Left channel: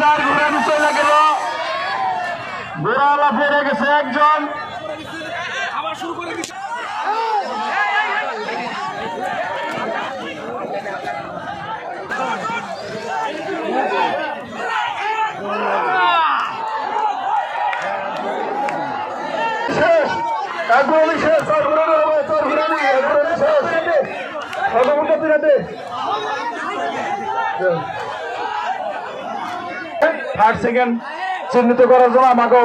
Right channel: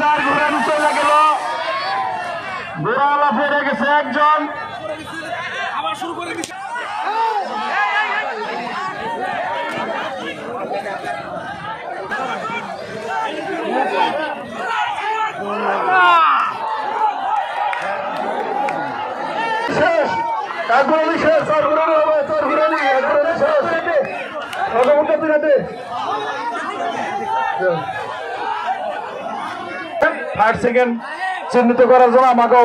চার ঘোরানি চলে গেল, ঘোড়াওয়ালা পড়ে গেছে একজন। আবার শুরু করে দিচ্ছে। শেষ এক ঘোরানি শেষ, চার ঘোরানি হবে, চার ঘোরানি এক ঘোরানি শেষ। ফাইভ সেকেন্ড চিহ্নিত করার জন্য আমাকে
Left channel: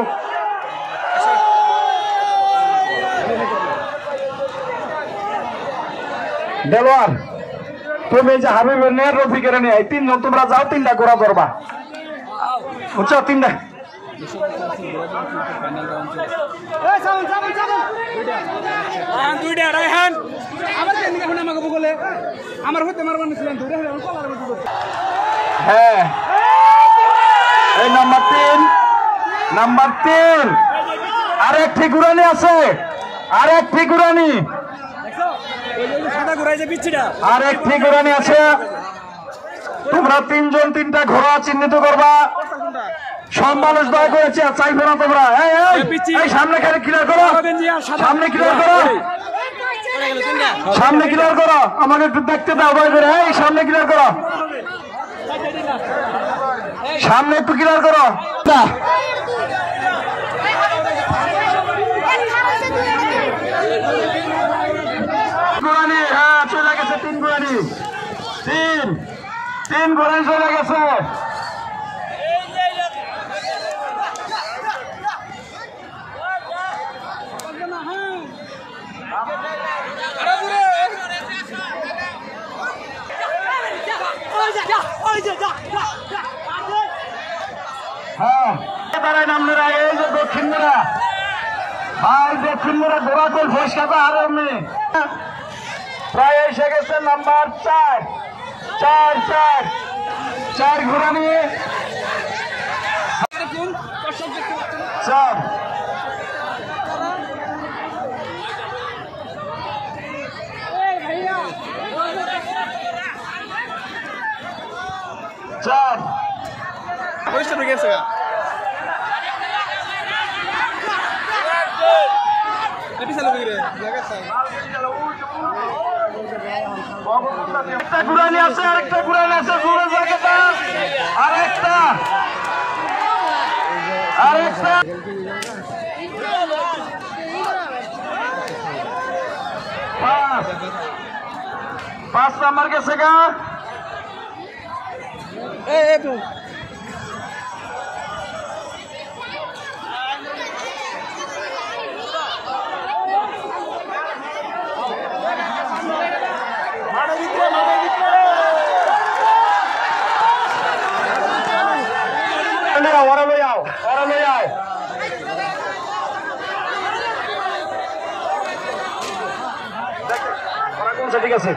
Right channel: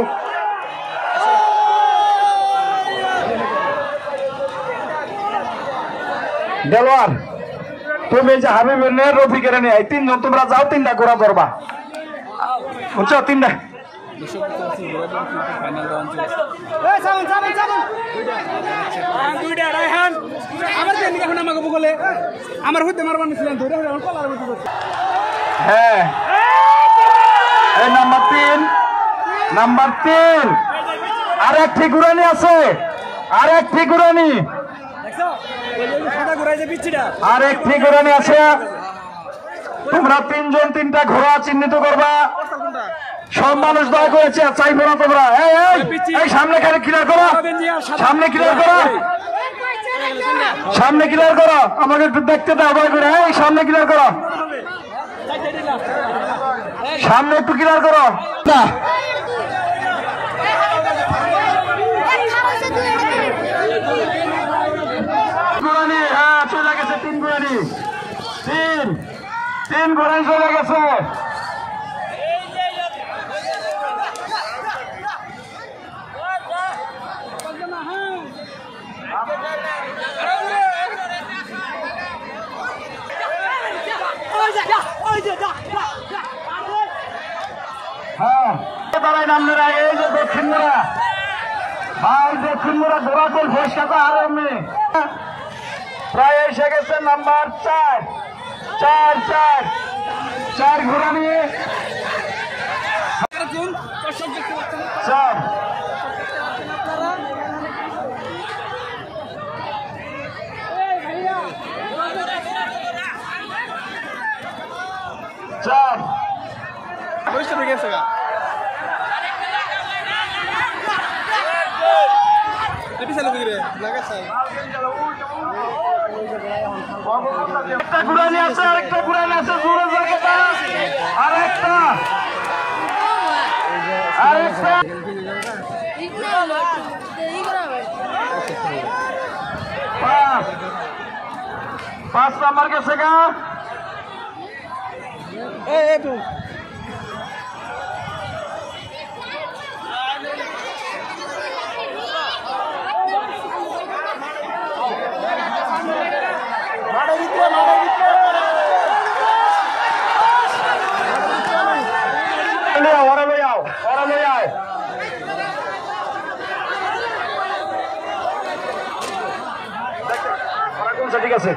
দেলোয়ার তুমি যে হাবিবের নিয়ে রফিকের নিয়ে এই তিনজন তোমরা যাও, তিনটা ঘোরা ধরবা, বুঝছো? তিনটা হ্যাঁ, এই নাম্বার তিন আরেক ফিগুরানি আছে, আরেক ফিগুরানি আছে। তোমরা তিনজন তিনটা ঘোড়া চিহ্নিত করবা। সব মানুষ দয়া করেছে, চাইবে না তোমরা। এই সামনে খালি ক্লিয়ার করো, সামনে ক্লিয়ার করো, সামনে ক্লিয়ার করো, আমাকে একটু দেখতে দাও দয়া করে। এই সামনে ক্লিয়ার করো, সামনে একটু ক্লিয়ার করো। ঘোরানি হ্যাঁ চলে গেছে, তিন ঘোরানি, তিন ঘোরানি চলে গেছে। হ্যাঁ দাঁড়ায় নামনের আগে এই যে দক্ষিণ মোড়া, আর দক্ষিণ মোড়া ঘোরাতেল ফেসকাটা আর এমনি প্রায় এসে গেছে নাম্বার চার ঘোরানি চার। পরিষ্কার হয়ে গেছে ঘুরানি আছে, আরেকটা ঘুরানি আছে, দূরে জায়গাটা আরেকটা পাঁচ নাম্বার গেছে গা। ঠিক আছে,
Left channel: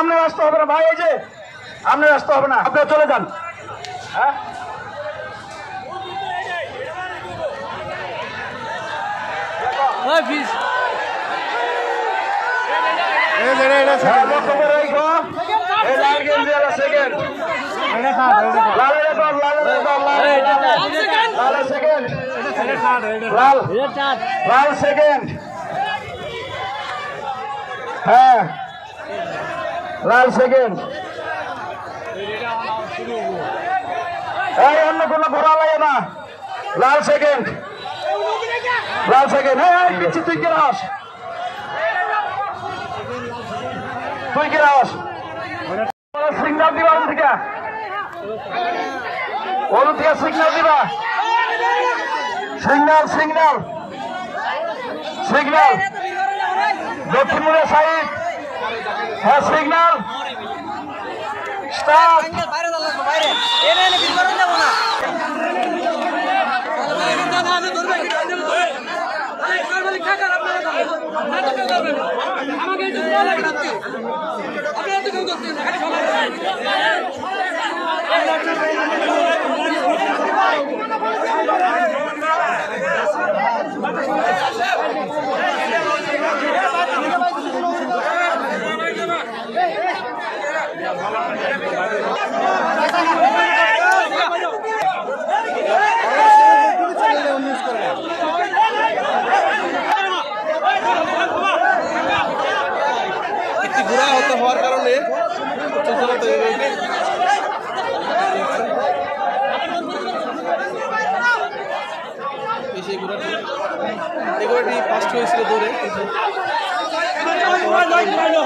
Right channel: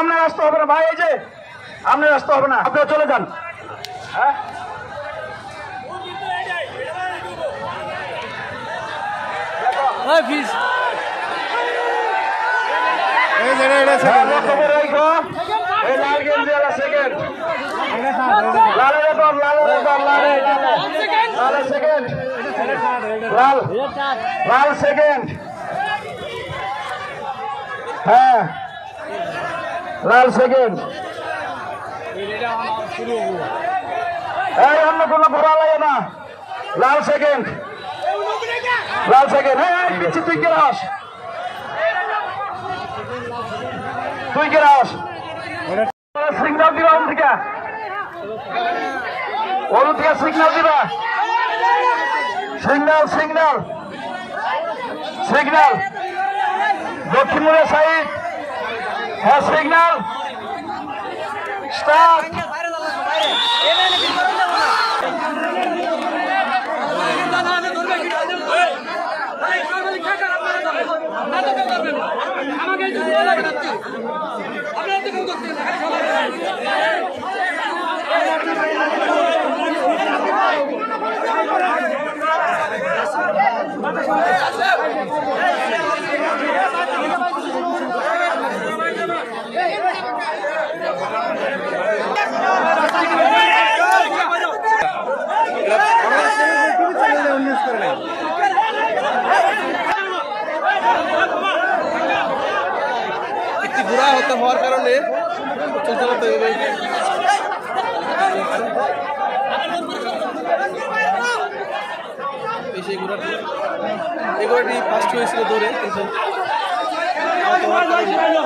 আপনার আসতে হবে না ভাই, এই যে আপনার আসতে হবে না, আপনারা চলে যান। হ্যাঁ লাল সেকেন্ড, হ্যাঁ লাল সেকেন্ড। অন্য কোনো ঘোরা লাগে না, লাল সেকেন্ড, লাল সেকেন্ড। হ্যাঁ পিছিয়ে তুই কে আস, তুই কে আস, সিগনাল দিবা থেকে, ওর থেকে সিগনাল দিবা, সিগনাল সিগনাল সিগনাল দক্ষিণ সাইড। হ্যাঁ সিগনাল স্টার্ট। আমাকে একটি ঘোড়া হত্যা হওয়ার কারণে এই ঘোড়াটি ফার্স্ট হয়েছিল দৌড়ে কিন্তু হওয়ার কারণে